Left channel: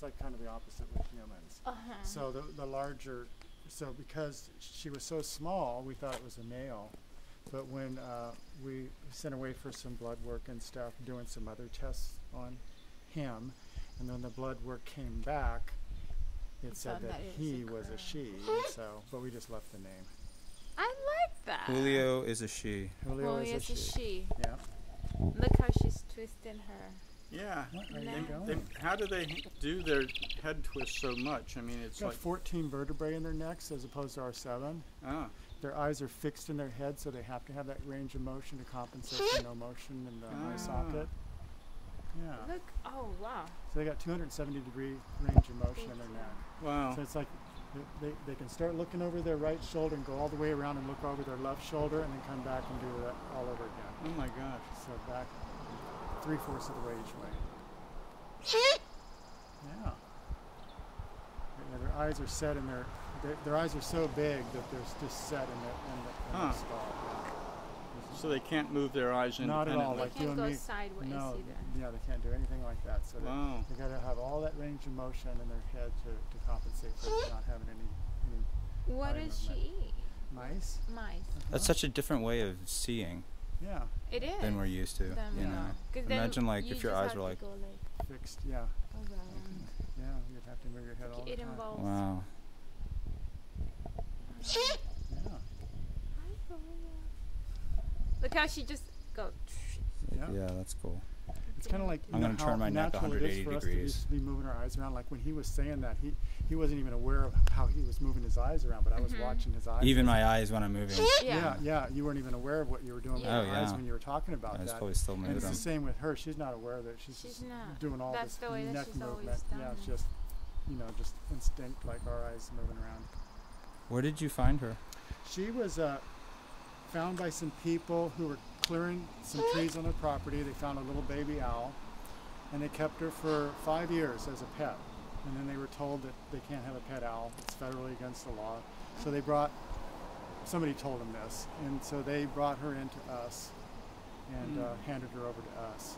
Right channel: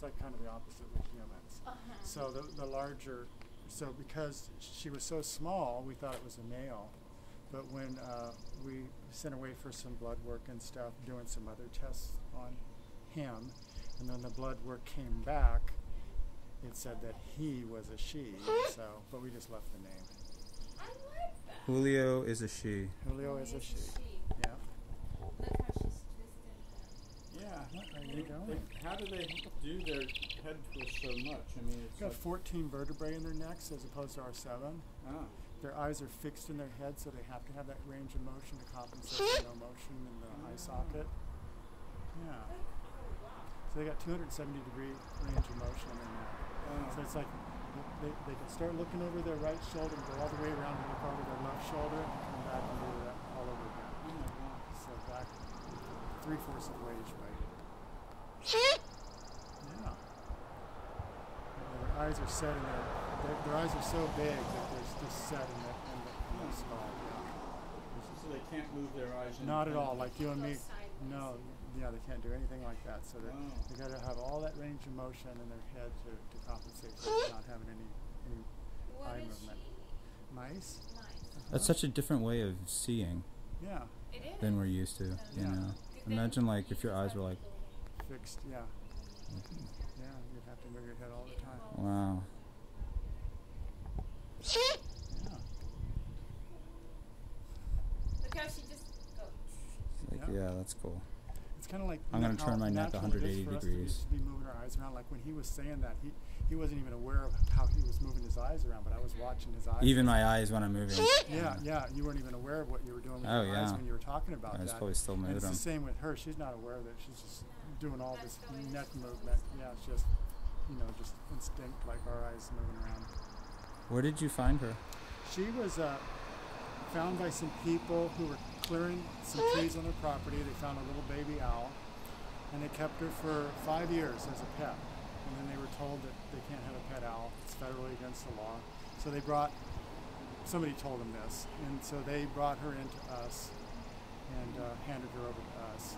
It's like kind of the opposite with humans. So the larger, so because she was so small, we thought it was a male. But when we sent away for some blood work and stuff, doing some other tests on him, and then the blood work came back, it said that he was a she. So, but we just left the name. I like that. Julio is a she. Julio is a she. Yeah. Look how she's twisting her. Yeah. What are you doing? How do they do their head twist so much? I mean, it's Got like 14 vertebrae in their necks as opposed to our 7. Their eyes are fixed in their head, so they have to have that range of motion to compensate for no motion in the eye socket. Yeah. Look, oh wow. So they got 270-degree range of motion in their neck. Wow. So it's like they can start looking over their right shoulder and go all the way around and look over their left shoulder and then come back and do that all over again. Oh my God. So back 3/4 of the way each way. Yeah. Their eyes are set in their eyes are so big that they're just set in their skull. Yeah. So they can't move their eyes. Not at all, like They you can't and go me. sideways No, either. yeah, they can't do anything like that. So they got to have all that range of motion in their head to compensate for not having any What eye does she movement. eat? Mice. Mice. That's such a different way of seeing Yeah. It is. than we're used to. You know. 'Cause then Imagine like you if your just eyes have were to like. go like Fixed. Yeah. Yeah. You'd have to move your head all the it time. involves. Wow. Yeah. Look how she just goes. Like, Yeah. yeah, that's cool. It's kind of like I'm gonna how turn my neck natural it is 180 for us degrees. to just be moving our eyes around. Like when he was saying that, he wasn't even aware of how he was moving his eyes around, but I was watching his eyes. Even my eyes when I'm moving. Yeah. You weren't even aware of what you were doing with Oh, your eyes yeah. when you were talking about I was that. probably still And moving it's the them. same with her. She's not aware that she's just not. doing all That's this the way that neck she's always movement. done Yeah, it's it. just, just instinct, like our eyes moving around. Where did you find her? She was found by some people who were clearing some trees on their property. They found a little baby owl, and they kept her for 5 years as a pet. And then they were told that they can't have a pet owl. It's federally against the law. So somebody told them this, and so they brought her into us and handed her over to us.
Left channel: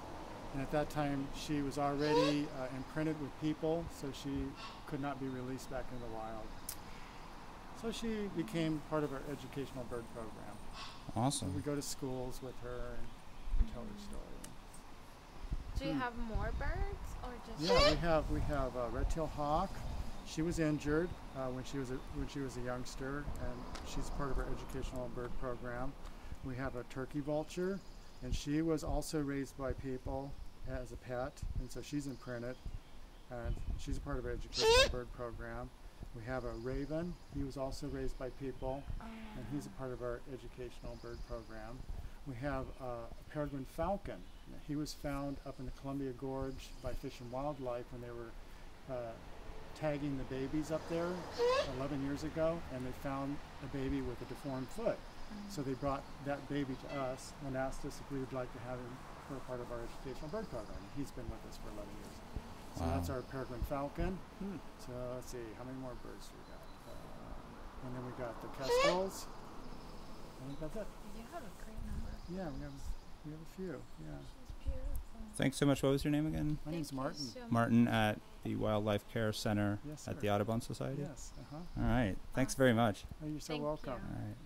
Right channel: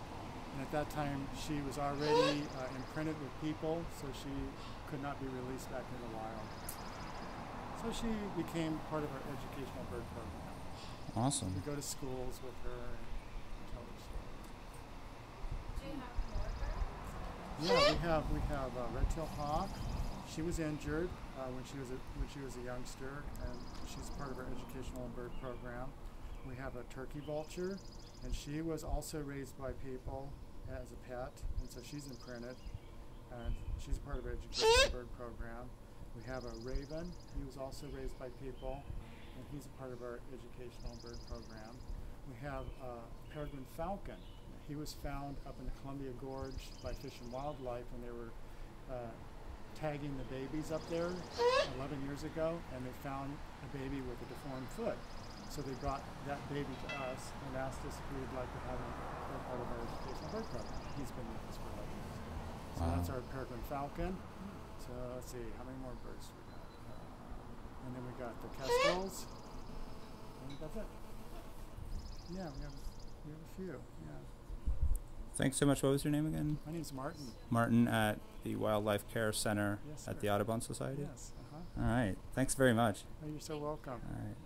And at that time, she was already imprinted with people, so she could not be released back into the wild. So she became part of our educational bird program. Awesome. We go to schools with her and tell her story. Do you have more birds or just? Yeah, we have a red-tailed hawk. She was injured when she was a youngster, and she's part of our educational bird program. We have a turkey vulture, and she was also raised by people as a pet, and so she's imprinted, and she's a part of our educational bird program. We have a raven. He was also raised by people, and he's a part of our educational bird program. We have a peregrine falcon. He was found up in the Columbia Gorge by Fish and Wildlife when they were tagging the babies up there 11 years ago, and they found a baby with a deformed foot. So they brought that baby to us and asked us if we would like to have him for a part of our educational bird program. He's been with us for 11 years. So that's our peregrine falcon. So let's see, how many more birds do we got? And then we got the kestrels. I think that's it. Yeah, we have a few. Yeah. Thanks so much. What was your name again? My name's Martin. Martin at the Wildlife Care Center Yes, at sir. the Audubon Society? Yes. All right. Thanks very much. Oh, you're so Thank welcome. you. All right.